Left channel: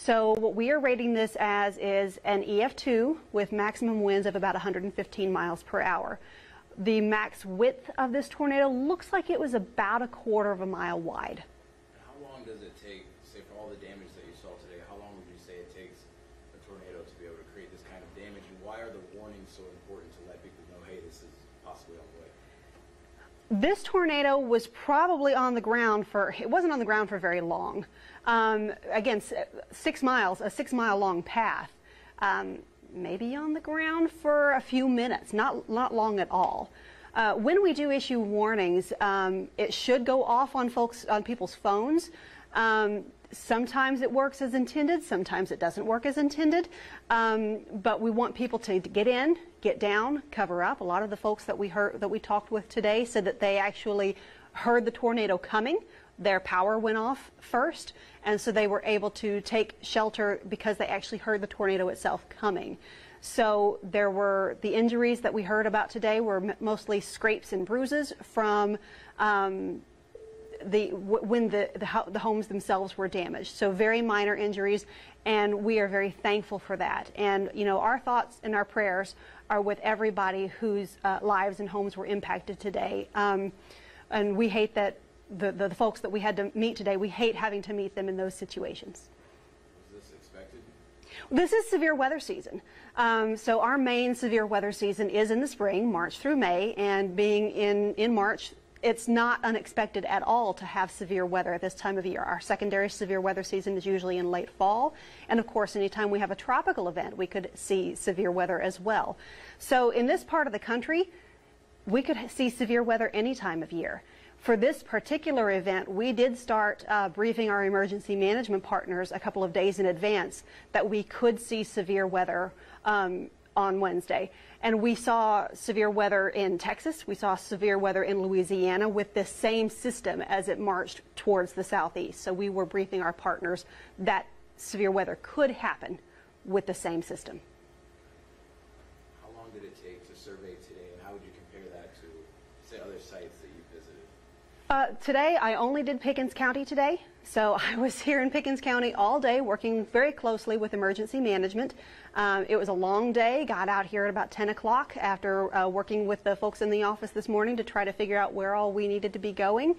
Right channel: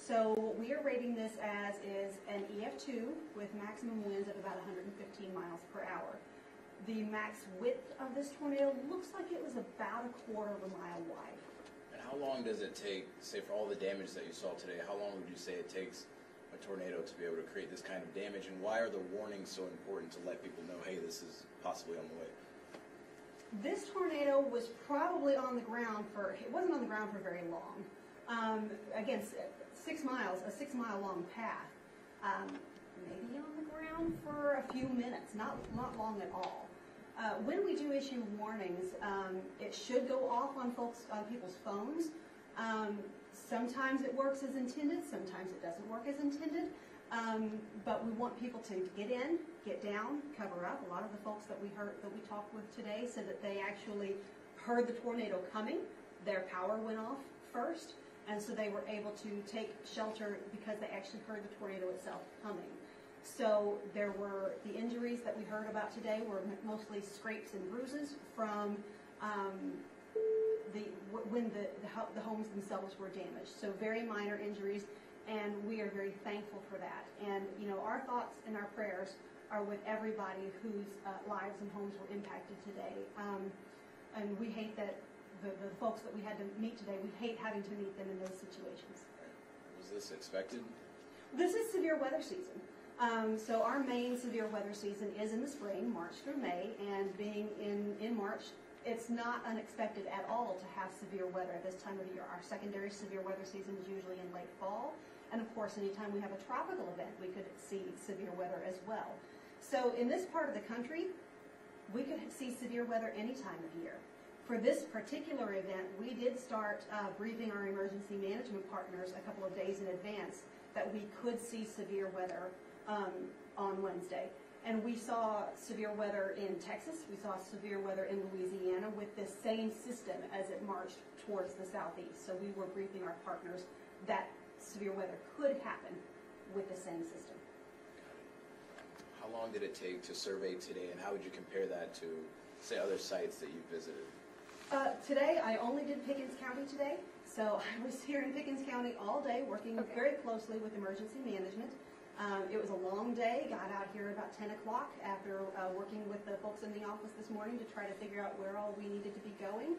So what we are rating this as is an EF2 with maximum winds of about 115 miles per hour. The max width of this tornado looks like it was about 1/4 of a mile wide. And how long does it take, say for all the damage that you saw today, how long would you say it takes a tornado to be able to create this kind of damage, and why are the warnings so important to let people know, hey, this is possibly on the way? This tornado was probably on the ground for, it wasn't on the ground for very long. Again, 6 miles, a 6-mile long path. Maybe on the ground for a few minutes, not long at all. When we do issue warnings, it should go off on people's phones. Sometimes it works as intended, sometimes it doesn't work as intended, but we want people to get in, get down, cover up. A lot of the folks that we talked with today said that they actually heard the tornado coming. Their power went off first, and so they were able to take shelter because they actually heard the tornado itself coming. So the injuries that we heard about today were mostly scrapes and bruises from when the homes themselves were damaged. So very minor injuries, and we are very thankful for that. And you know, our thoughts and our prayers are with everybody whose lives and homes were impacted today. And we hate that the folks that we had to meet today, we hate having to meet them in those situations. Was this expected? This is severe weather season. So our main severe weather season is in the spring, March through May, and being in March, it's not unexpected at all to have severe weather at this time of year. Our secondary severe weather season is usually in late fall, and of course anytime we have a tropical event we could see severe weather as well. So in this part of the country we could see severe weather any time of year. For this particular event, we did start briefing our emergency management partners a couple of days in advance that we could see severe weather on Wednesday. And we saw severe weather in Texas, we saw severe weather in Louisiana with this same system as it marched towards the southeast. So we were briefing our partners that severe weather could happen with the same system. How long did it take to survey today, and how would you compare that to, say, other sites that you visited? Today I only did Pickens County today, so I was here in Pickens County all day working very closely with emergency management. It was a long day, got out here at about 10 o'clock after working with the folks in the office this morning to try to figure out where all we needed to be going.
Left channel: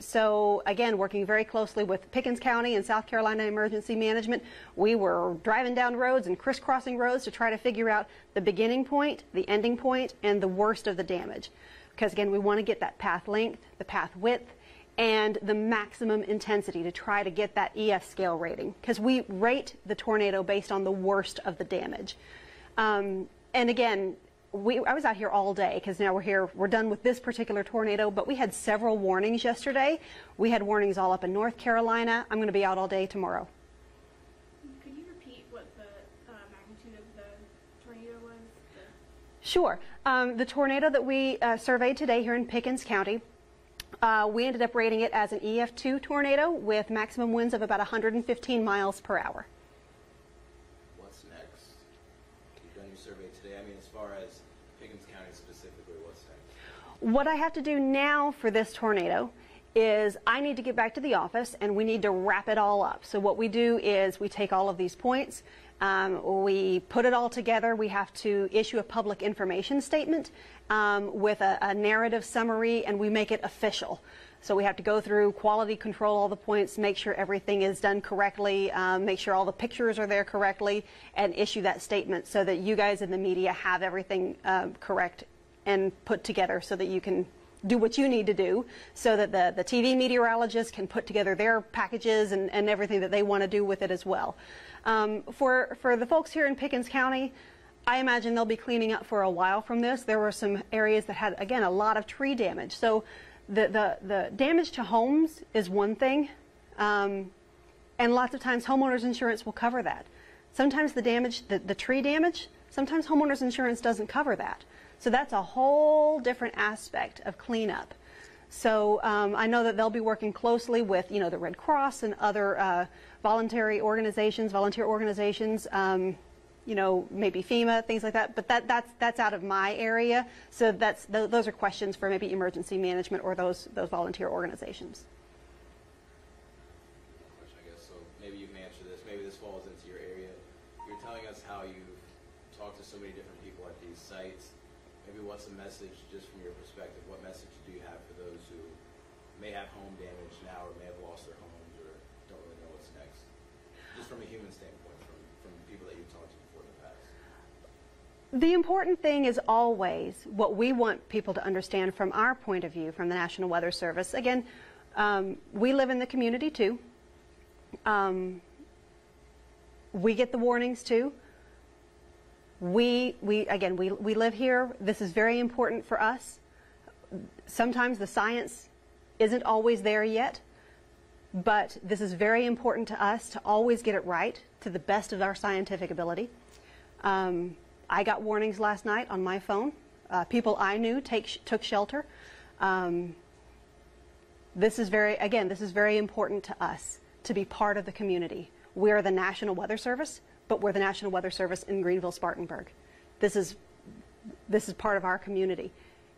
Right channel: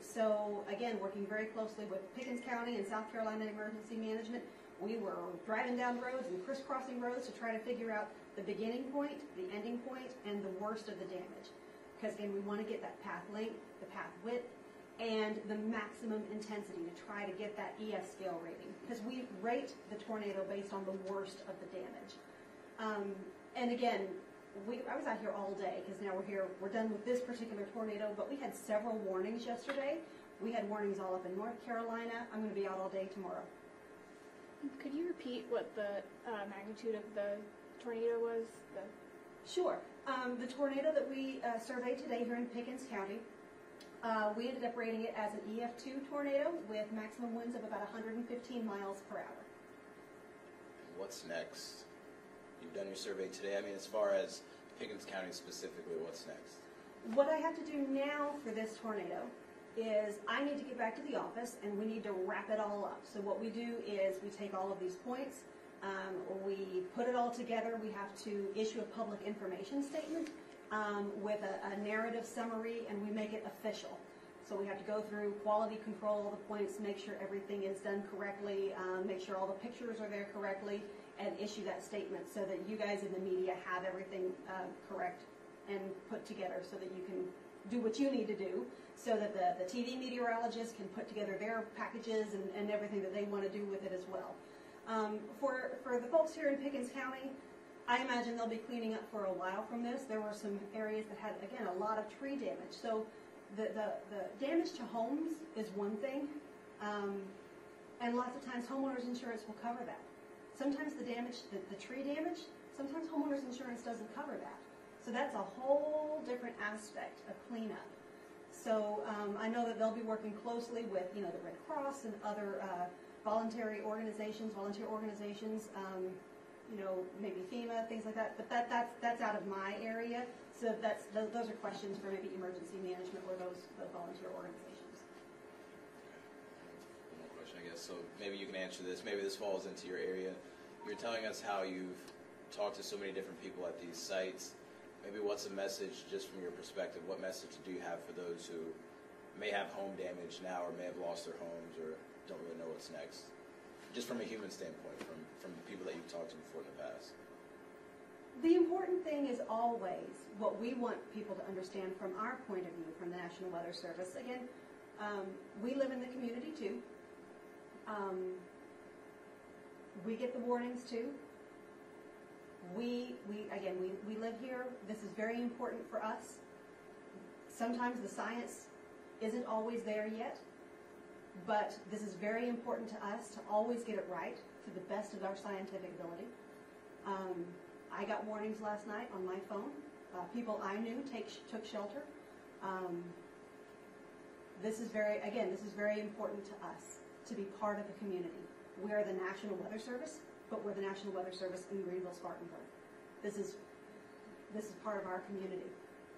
So again, working very closely with Pickens County and South Carolina Emergency Management. We were driving down roads and crisscrossing roads to try to figure out the beginning point, the ending point, and the worst of the damage. Because again, we want to get that path length, the path width, and the maximum intensity to try to get that EF scale rating. Because we rate the tornado based on the worst of the damage. And again, I was out here all day because now we're done with this particular tornado, but we had several warnings yesterday. We had warnings all up in North Carolina. I'm going to be out all day tomorrow. Could you repeat what the magnitude of the tornado was? Sure. The tornado that we surveyed today here in Pickens County, we ended up rating it as an EF2 tornado with maximum winds of about 115 miles per hour. What's next? You've done your survey today. I mean, as far as Pickens County specifically, what's next? What I have to do now for this tornado is I need to get back to the office and we need to wrap it all up. So what we do is we take all of these points, we put it all together. We have to issue a public information statement with a narrative summary, and we make it official. So we have to go through quality control all the points, make sure everything is done correctly, make sure all the pictures are there correctly, and issue that statement so that you guys in the media have everything correct and put together so that you can do what you need to do, so that the TV meteorologists can put together their packages and everything that they want to do with it as well. For the folks here in Pickens County, I imagine they'll be cleaning up for a while from this. There were some areas that had, again, a lot of tree damage. So the damage to homes is one thing, and lots of times homeowners insurance will cover that. Sometimes the damage, the tree damage, sometimes homeowners insurance doesn't cover that. So that's a whole different aspect of cleanup. So I know that they'll be working closely with, you know, the Red Cross and other volunteer organizations, you know, maybe FEMA, things like that. But that's out of my area. So those are questions for maybe emergency management or those volunteer organizations. One more question, I guess. So maybe you can answer this. this, maybe this falls into your area. You're telling us how you've talked to so many different people at these sites. Maybe what's a message, just from your perspective, what message do you have for those who may have home damage now or may have lost their homes or don't really know what's next? Just from a human standpoint, from the people that you've talked to before in the past. The important thing is always what we want people to understand from our point of view, from the National Weather Service. Again, we live in the community too. We get the warnings too. We live here. This is very important for us. Sometimes the science isn't always there yet, but this is very important to us to always get it right to the best of our scientific ability. I got warnings last night on my phone. People I knew took shelter. This is very important to us to be part of the community. We're the National Weather Service, but we're the National Weather Service in Greenville-Spartanburg. This is part of our community,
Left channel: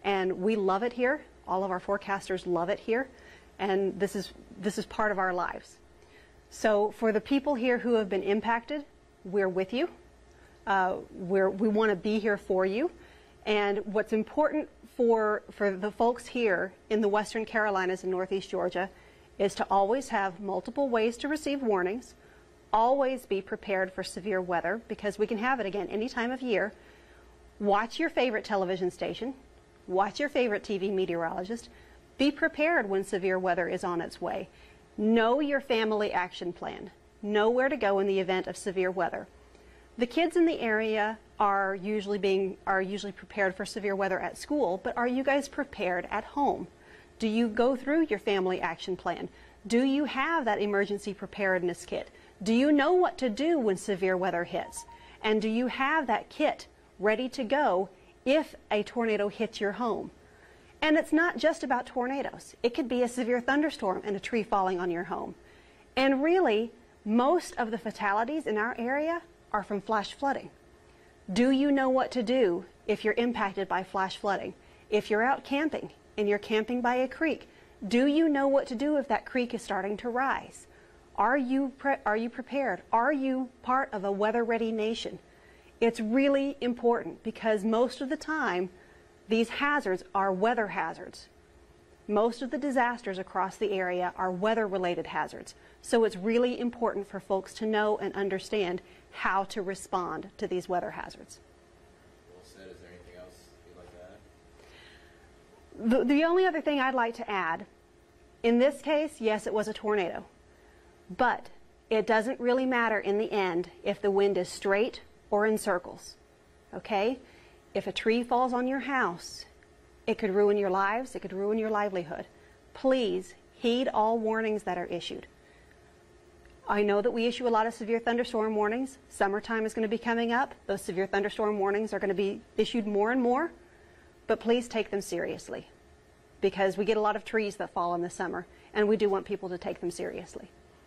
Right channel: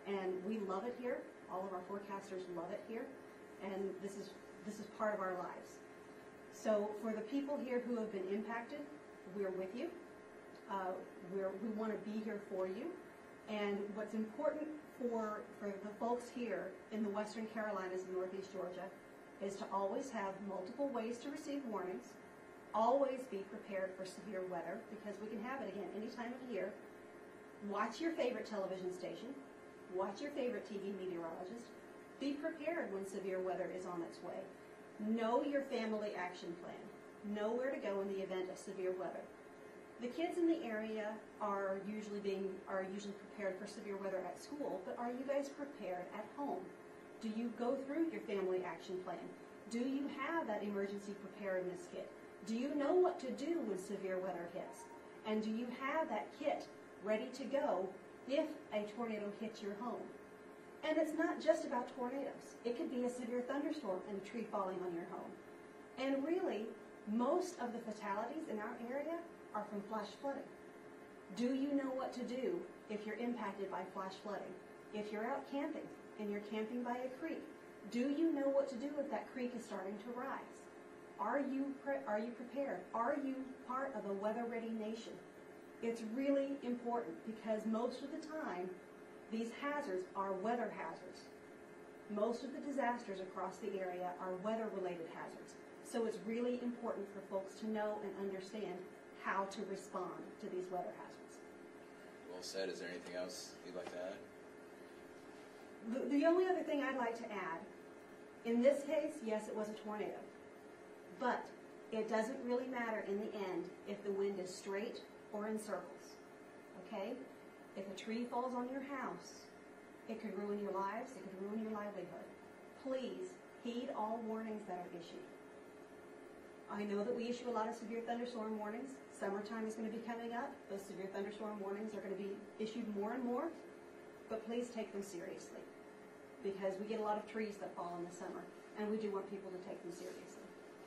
and we love it here. All of our forecasters love it here, and this is part of our lives. So for the people here who have been impacted, we're with you. We want to be here for you, and what's important for the folks here in the Western Carolinas and Northeast Georgia is to always have multiple ways to receive warnings. Always be prepared for severe weather, because we can have it again any time of year. Watch your favorite television station. Watch your favorite TV meteorologist. Be prepared when severe weather is on its way. Know your family action plan. Know where to go in the event of severe weather. The kids in the area are usually prepared for severe weather at school, but are you guys prepared at home? Do you go through your family action plan? Do you have that emergency preparedness kit? Do you know what to do when severe weather hits? And do you have that kit ready to go if a tornado hits your home? And it's not just about tornadoes. It could be a severe thunderstorm and a tree falling on your home. And really, most of the fatalities in our area are from flash flooding. Do you know what to do if you're impacted by flash flooding? If you're out camping and you're camping by a creek, do you know what to do if that creek is starting to rise? Are you prepared? Are you part of a weather-ready nation? It's really important, because most of the time, these hazards are weather hazards. Most of the disasters across the area are weather-related hazards. So it's really important for folks to know and understand how to respond to these weather hazards. Well said. Is there anything else you'd like to add? The only other thing I'd like to add, in this case, yes, it was a tornado. But it doesn't really matter in the end if the wind is straight or in circles. Okay? If a tree falls on your house, it could ruin your lives, it could ruin your livelihood. Please heed all warnings that are issued. I know that we issue a lot of severe thunderstorm warnings. Summertime is going to be coming up. Those severe thunderstorm warnings are going to be issued more and more. But please take them seriously, because we get a lot of trees that fall in the summer, and we do want people to take them seriously.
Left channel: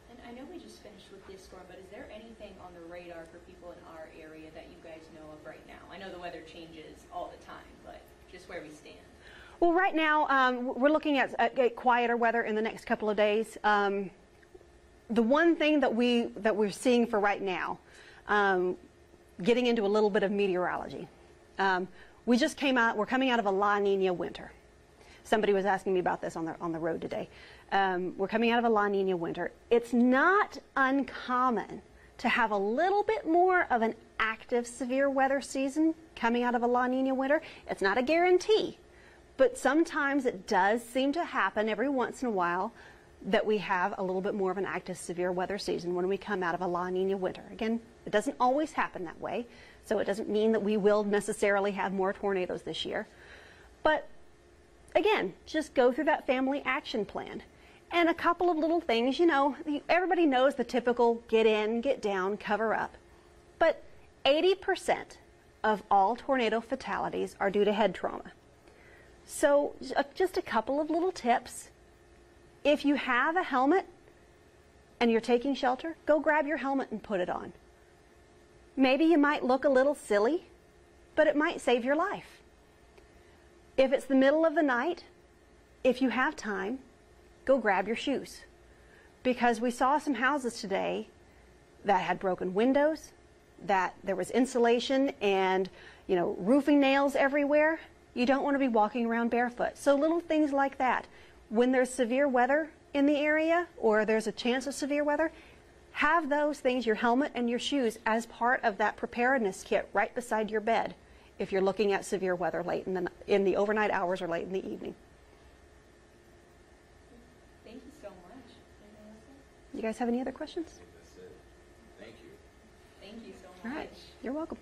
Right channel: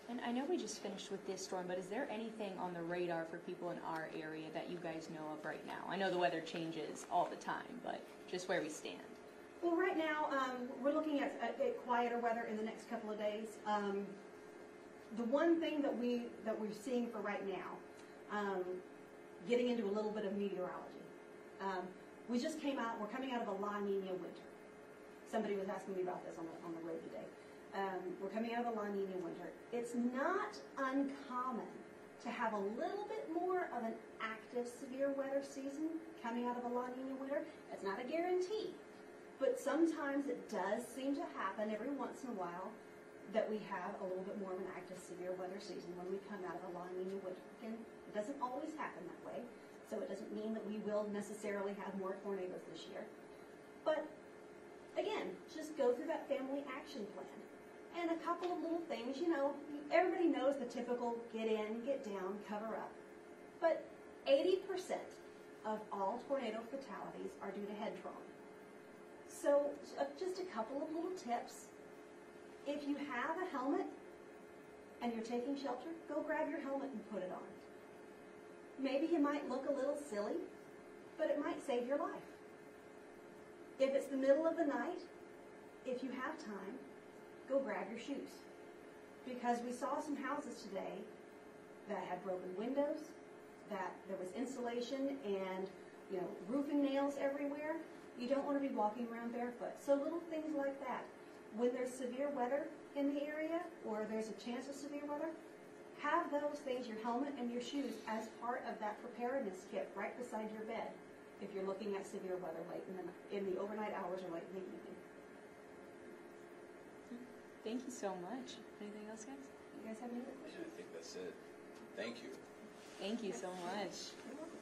And I know we just finished with this storm, but is there anything on the radar for people in our area that you guys know of right now? I know the weather changes all the time, but just where we stand. Well, right now, we're looking at quieter weather in the next couple of days. The one thing that we're seeing for right now, getting into a little bit of meteorology. We're coming out of a La Nina winter. Somebody was asking me about this on the road today. We're coming out of a La Nina winter. It's not uncommon to have a little bit more of an active severe weather season coming out of a La Nina winter. It's not a guarantee, but sometimes it does seem to happen every once in a while that we have a little bit more of an active severe weather season when we come out of a La Nina winter. Again, it doesn't always happen that way, so it doesn't mean that we will necessarily have more tornadoes this year. But again, just go through that family action plan. And a couple of little things, everybody knows the typical get in, get down, cover up. But 80% of all tornado fatalities are due to head trauma. So just a couple of little tips. If you have a helmet and you're taking shelter, go grab your helmet and put it on. Maybe you might look a little silly, but it might save your life. If it's the middle of the night, if you have time, go grab your shoes. Because we saw some houses today that had broken windows, that there was insulation and, you know, roofing nails everywhere. You don't want to be walking around barefoot. So little things like that. When there's severe weather in the area or there's a chance of severe weather, have those things, your helmet and your shoes, as part of that preparedness kit right beside your bed if you're looking at severe weather late in the overnight hours or late in the evening. Thank you so much. Anything else, guys? You guys have any other questions? I think that's it. Thank you. Thank you so All right. much. You're welcome.